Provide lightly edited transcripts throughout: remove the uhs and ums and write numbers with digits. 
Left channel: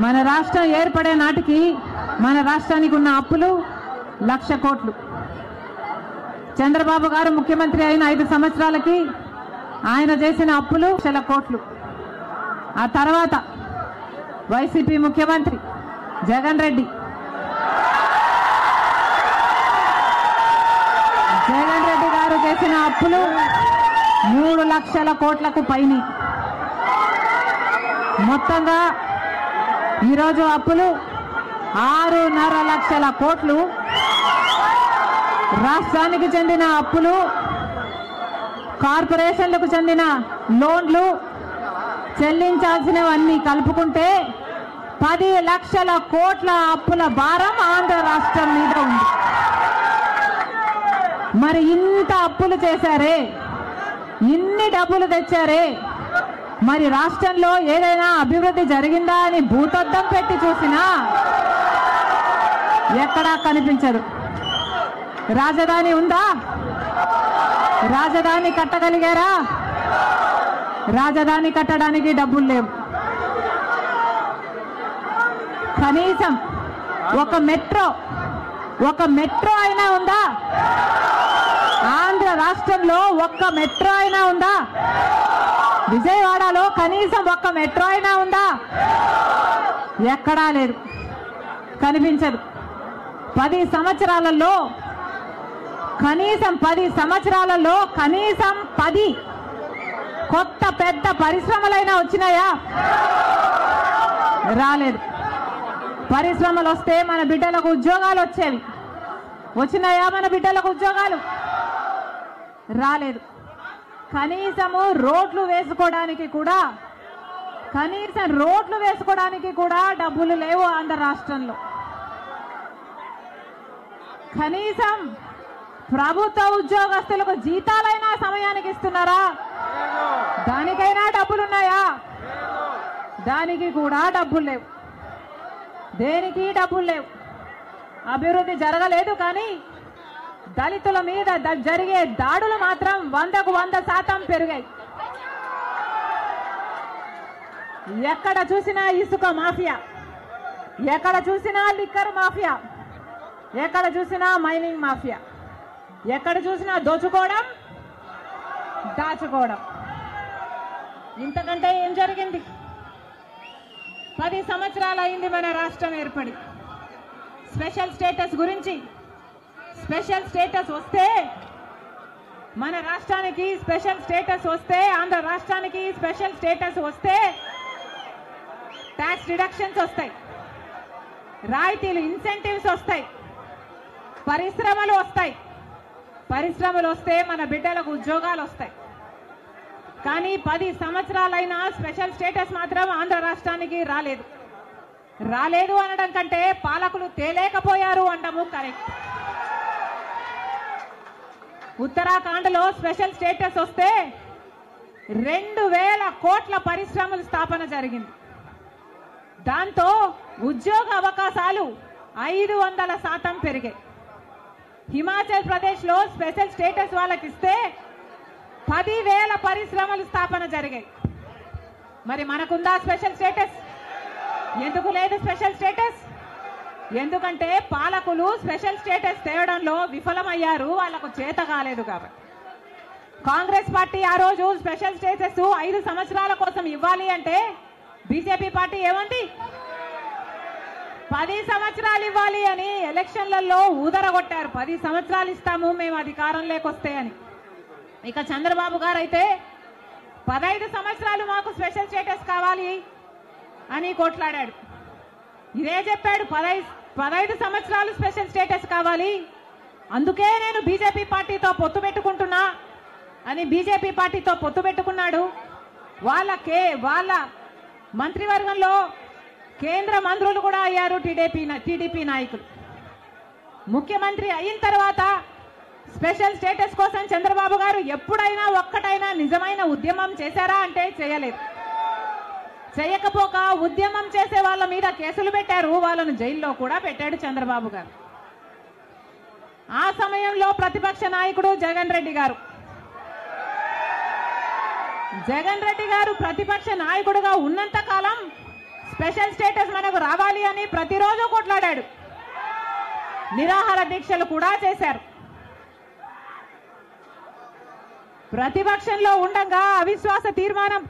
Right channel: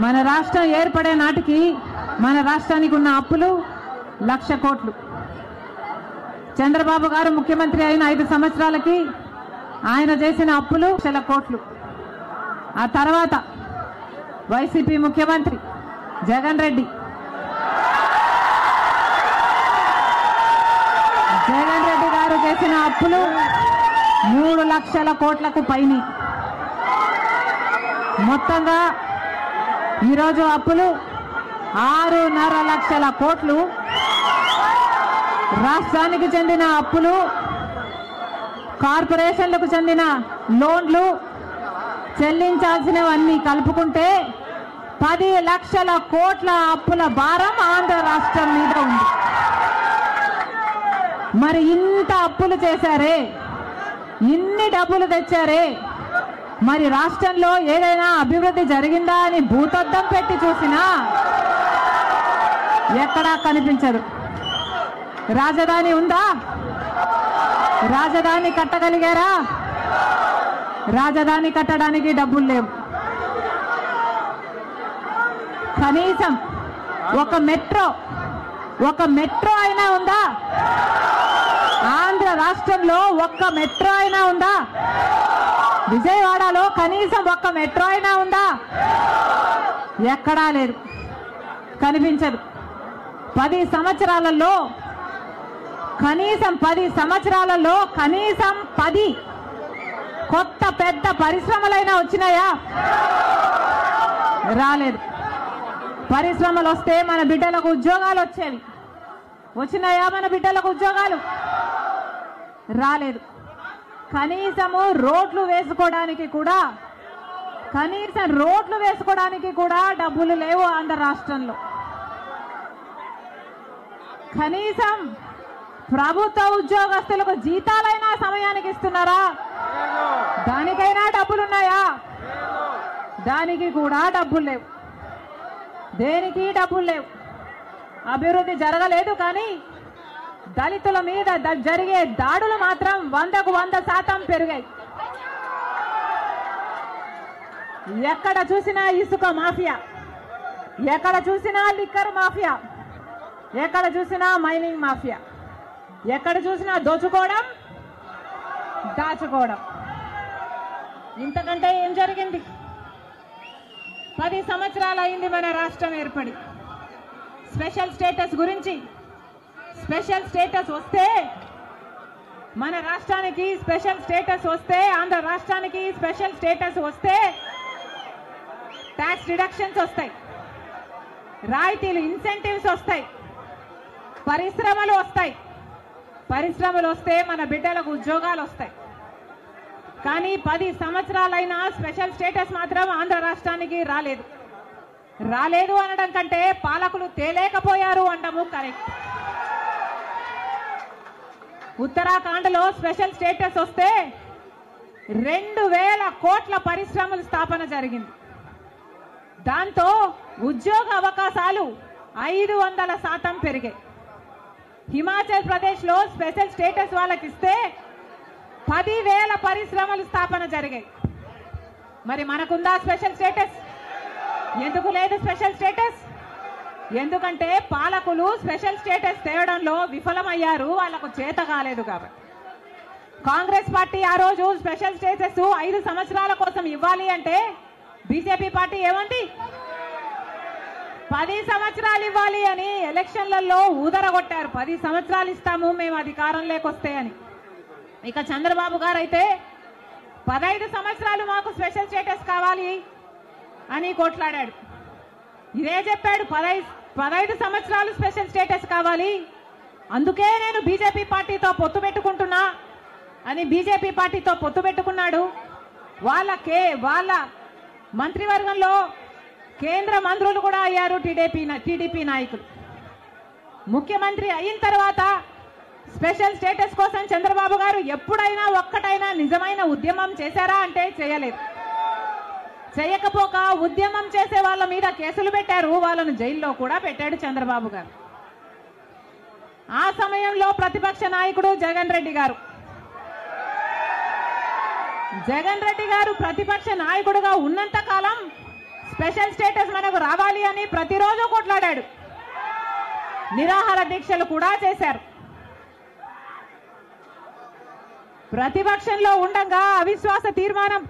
మన రాష్ట్రం ఏర్పడే నాటికి మన రాష్ట్రానికి ఉన్న అప్పులు 1,00,000 కోట్లు. చంద్రబాబు గారు ముఖ్యమంత్రి అయిన 5 సంవత్సరాలకి ఆయన చేసిన అప్పులు 1,00,000 కోట్లు. ఆ తర్వాత వైసీపీ ముఖ్యమంత్రి జగన్ రెడ్డి గారు చేసిన అప్పులు 3 లక్షల కోట్లకు పైన. మొత్తంగా ఈరోజు అప్పులు 6.5 లక్షల కోట్లు. రాష్ట్రానికి చెందిన అప్పులు, కార్పొరేషన్లకు చెందిన లోన్లు చెల్లించాల్సినవన్నీ కలుపుకుంటే 10 లక్షల కోట్ల అప్పుల భారం ఆంధ్ర రాష్ట్రం మీద ఉంది. మరి ఇంత అప్పులు చేశారే, ఇన్ని డబ్బులు తెచ్చారే, మరి రాష్ట్రంలో ఏదైనా అభివృద్ధి జరిగిందా అని భూతద్దం పెట్టి చూసినా ఎక్కడా కనిపించదు. రాజధాని ఉందా? రాజధాని కట్టగలిగారా? రాజధాని కట్టడానికి డబ్బులు లేవు. కనీసం ఒక మెట్రో అయినా ఉందా? ఆంధ్ర రాష్ట్రంలో ఒక్క మెట్రో అయినా ఉందా? విజయవాడలో కనీసం ఒక్క మెట్రో అయినా ఉందా? ఎక్కడా లేదు, కనిపించదు. 10 సంవత్సరాలలో కనీసం 10 కొత్త పెద్ద పరిశ్రమలైనా వచ్చినాయా? రాలేదు. పరిశ్రమలు వస్తే మన బిడ్డలకు ఉద్యోగాలు వచ్చేవి. వచ్చినాయా మన బిడ్డలకు ఉద్యోగాలు? రాలేదు. కనీసం రోడ్లు వేసుకోవడానికి కూడా డబ్బులు లేవు ఆంధ్ర రాష్ట్రంలో. కనీసం ప్రభుత్వ ఉద్యోగస్తులకు జీతాలైనా సమయానికి ఇస్తున్నారా? దానికైనా డబ్బులున్నాయా? దానికి కూడా డబ్బులు లేవు. దేనికి డబ్బులు లేవు. అభివృద్ధి జరగలేదు. కానీ దళితుల మీద జరిగే దాడులు మాత్రం 100కు 100% పెరిగాయి. ఎక్కడ చూసినా ఇసుక మాఫియా, ఎక్కడ చూసినా లిక్కర్ మాఫియా, ఎక్కడ చూసినా మైనింగ్ మాఫియా, ఎక్కడ చూసినా దోచుకోవడం, దాచుకోవడం. ఇంతకంటే ఏం జరిగింది? 10 సంవత్సరాలు అయింది మన రాష్ట్రం ఏర్పడి. స్పెషల్ స్టేటస్ గురించి, స్పెషల్ స్టేటస్ వస్తే మన రాష్ట్రానికి స్పెషల్ స్టేటస్ వస్తే, ఆంధ్ర రాష్ట్రానికి స్పెషల్ స్టేటస్ వస్తే ట్యాక్స్ డిడక్షన్స్ వస్తాయి, రాయితీలు, ఇన్సెంటివ్స్ వస్తాయి, పరిశ్రమలు వస్తాయి. పరిశ్రమలు వస్తే మన బిడ్డలకు ఉద్యోగాలు వస్తాయి. కానీ 10 సంవత్సరాలైనా స్పెషల్ స్టేటస్ మాత్రం ఆంధ్ర రాష్ట్రానికి రాలేదు. రాలేదు అనడం కంటే పాలకులు తేలేకపోయారు అనడము కరెక్ట్. ఉత్తరాఖండ్ లో స్పెషల్ స్టేటస్ వస్తే 2,000 కోట్ల పరిశ్రమల స్థాపన జరిగింది. దాంతో ఉద్యోగ అవకాశాలు 500% పెరిగాయి. హిమాచల్ ప్రదేశ్ లో స్పెషల్ స్టేటస్ వాళ్ళకి ఇస్తే 10,000 పరిశ్రమల స్థాపన జరిగాయి. మరి మనకుందా స్పెషల్ స్టేటస్? ఎందుకు లేదు స్పెషల్ స్టేటస్? ఎందుకంటే పాలకులు స్పెషల్ స్టేటస్ తేవడంలో విఫలమయ్యారు, వాళ్ళకు చేత కాలేదు. కాబట్టి కాంగ్రెస్ పార్టీ ఆ రోజు స్పెషల్ స్టేటస్ 5 సంవత్సరాల కోసం ఇవ్వాలి అంటే బీజేపీ పార్టీ ఏమంది? 10 సంవత్సరాలు ఇవ్వాలి అని ఎలక్షన్లలో ఊదరగొట్టారు. 10 సంవత్సరాలు ఇస్తాము మేము అధికారంలోకి వస్తే అని. ఇక చంద్రబాబు గారు అయితే 15 సంవత్సరాలు మాకు స్పెషల్ స్టేటస్ కావాలి అని కొట్లాడాడు. ఇదే చెప్పాడు, 15 సంవత్సరాలు స్పెషల్ స్టేటస్ కావాలి, అందుకే నేను బీజేపీ పార్టీతో పొత్తు పెట్టుకుంటున్నా అని బీజేపీ పార్టీతో పొత్తు పెట్టుకున్నాడు. వాళ్ళ మంత్రివర్గంలో కేంద్ర మంత్రులు కూడా అయ్యారు టీడీపీ నాయకులు. ముఖ్యమంత్రి అయిన తర్వాత స్పెషల్ స్టేటస్ కోసం చంద్రబాబు గారు ఎప్పుడైనా ఒక్కటైనా నిజమైన ఉద్యమం చేశారా అంటే చేయలేదు. చేయకపోక ఉద్యమం చేసే వాళ్ళ మీద కేసులు పెట్టారు, వాళ్ళను జైల్లో కూడా పెట్టాడు చంద్రబాబు గారు. ఆ సమయంలో ప్రతిపక్ష నాయకుడు జగన్ రెడ్డి గారు ప్రతిపక్ష నాయకుడుగా ఉన్నంత కాలం స్పెషల్ స్టేటస్ మనకు రావాలి అని ప్రతిరోజు కొట్లాడాడు. నిరాహార దీక్షలు కూడా చేశారు. ప్రతిపక్షంలో ఉండగా అవిశ్వాస తీర్మానం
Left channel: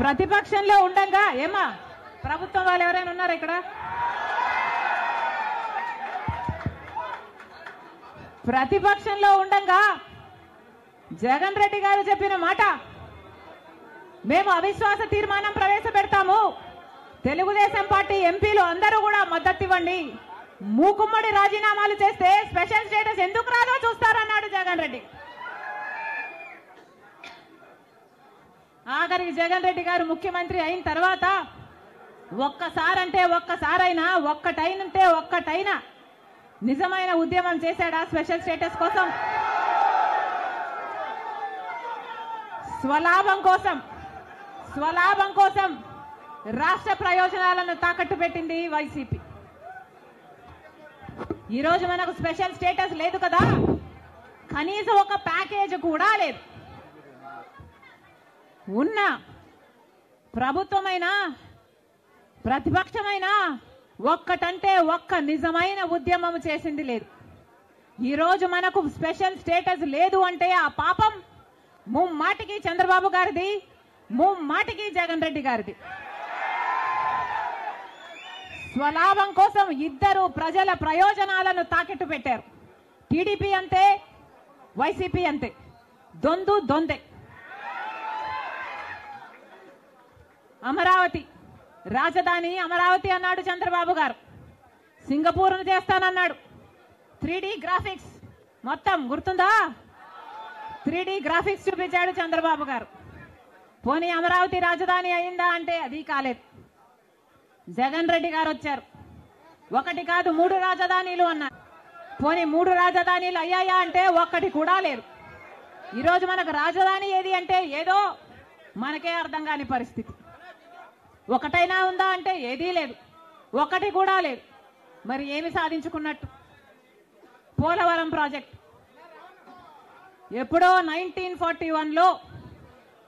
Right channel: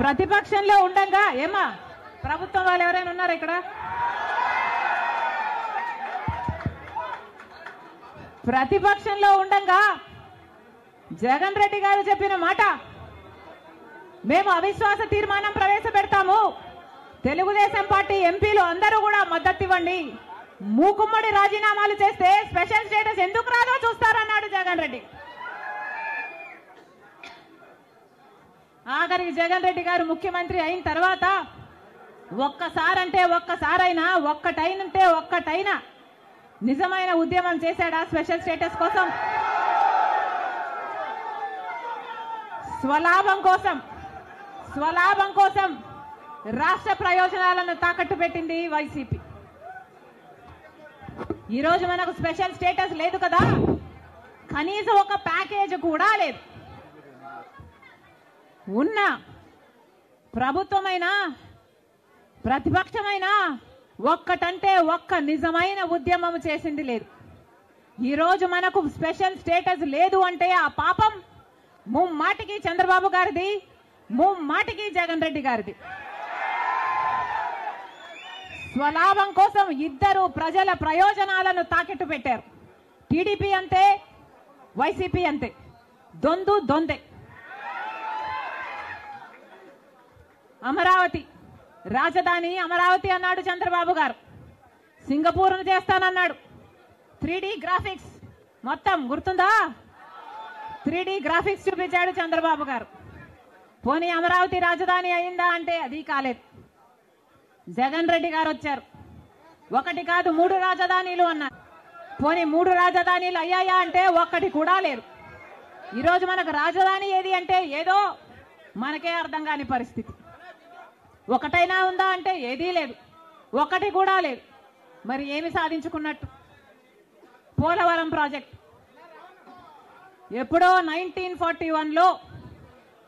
ప్రతిపక్షంలో ఉండగా ఏమా ప్రభుత్వం వాళ్ళు ఎవరైనా ఉన్నారు ఇక్కడ? ప్రతిపక్షంలో ఉండగా జగన్ రెడ్డి గారు చెప్పిన మాట, మేము అవిశ్వాస తీర్మానం ప్రవేశపెడతాము, తెలుగుదేశం పార్టీ ఎంపీలు అందరూ కూడా మద్దతు ఇవ్వండి, మూకుమ్మడి రాజీనామాలు చేస్తే స్పెషల్ స్టేటస్ ఎందుకు రాదో చూస్తారన్నాడు జగన్ రెడ్డి. ఆఖరికి జగన్ రెడ్డి గారు ముఖ్యమంత్రి అయిన తర్వాత ఒక్కసారంటే ఒక్కసారైనా ఒక్కటైనా నిజమైన ఉద్యమం చేశాడా స్పెషల్ స్టేటస్ కోసం? స్వలాభం కోసం రాష్ట్ర ప్రయోజనాలను తాకట్టు పెట్టింది వైసీపీ. ఈ రోజు మనకు స్పెషల్ స్టేటస్ లేదు కదా, కనీసం ఒక ప్యాకేజ్ కూడా లేదు. ఉన్న ప్రభుత్వమైనా ప్రతిపక్షమైనా ఒక్కటంటే ఒక్క నిజమైన ఉద్యమం చేసింది లేదు. ఈ రోజు మనకు స్పెషల్ స్టేటస్ లేదు అంటే ఆ పాపం ముమ్మాటికి చంద్రబాబు గారిది, ముమ్మాటికి జగన్ రెడ్డి గారిది. స్వలాభం కోసం ఇద్దరు ప్రజల ప్రయోజనాలను తాకట్టు పెట్టారు. టీడీపీ అంతే, వైసీపీ అంతే, దొందే. అమరావతి రాజధాని అమరావతి అన్నాడు చంద్రబాబు గారు, సింగపూర్ను చేస్తానన్నాడు. 3D గ్రాఫిక్స్ మొత్తం గుర్తుందా? 3D గ్రాఫిక్స్ చూపించాడు చంద్రబాబు గారు. పోనీ అమరావతి రాజధాని అయిందా అంటే అది కాలేదు. జగన్ రెడ్డి గారు వచ్చారు, ఒకటి కాదు 3 రాజధానిలు అన్నారు. పోనీ 3 రాజధానిలు అయ్యాయా అంటే ఒక్కటి కూడా లేదు. ఈరోజు మనకు రాజధాని ఏది అంటే ఏదో మనకే అర్థం కాని పరిస్థితి. ఒకటైనా ఉందా అంటే ఏదీ లేదు, ఒకటి కూడా లేదు. మరి ఏమి సాధించుకున్నట్టు? పోలవరం ప్రాజెక్ట్ ఎప్పుడో 1941లో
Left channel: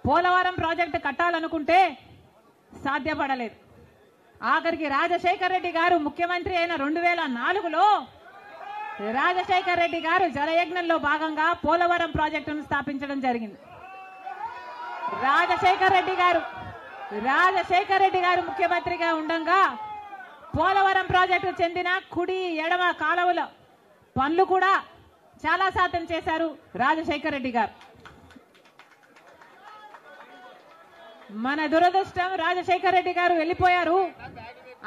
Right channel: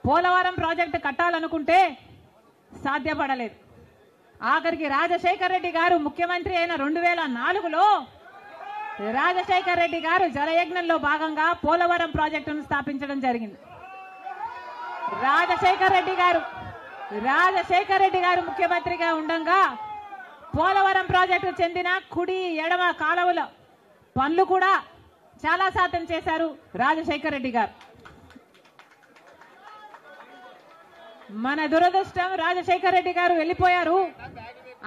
పోలవరం ప్రాజెక్టు కట్టాలనుకుంటే సాధ్యపడలేదు. ఆఖరికి రాజశేఖర్ రెడ్డి గారు ముఖ్యమంత్రి అయిన 2004లో రాజశేఖర్ రెడ్డి గారు జలయజ్ఞంలో భాగంగా పోలవరం ప్రాజెక్టును స్థాపించడం జరిగింది. రాజశేఖర్ రెడ్డి గారు ముఖ్యమంత్రిగా ఉండగా పోలవరం ప్రాజెక్టు చెందిన కుడి ఎడమ కాలువల పనులు కూడా చాలా శాతం చేశారు రాజశేఖర్ రెడ్డి గారు. మన దురదృష్టం రాజశేఖర్ రెడ్డి గారు వెళ్లిపోయారు.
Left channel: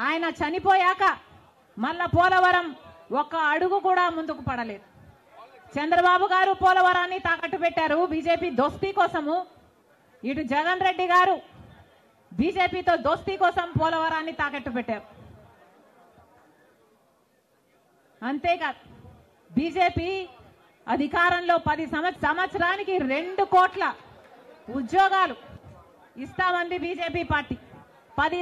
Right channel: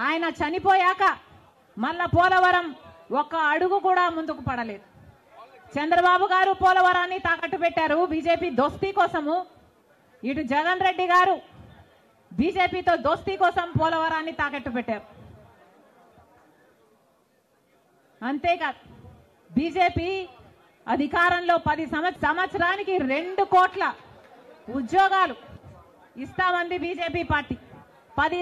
ఆయన చనిపోయాక మళ్ళా పోలవరం ఒక్క అడుగు కూడా ముందుకు పడలేదు. చంద్రబాబు గారు పోలవరాన్ని తాకట్టు పెట్టారు బీజేపీ దోస్తీ కోసము. ఇటు జగన్ రెడ్డి గారు బీజేపీతో దోస్తీ కోసం పోలవరాన్ని తాకట్టు పెట్టారు. అంతేకాదు బీజేపీ అధికారంలో 10 సంవత్సరానికి 2 కోట్ల ఉద్యోగాలు ఇస్తామంది బీజేపీ పార్టీ. 10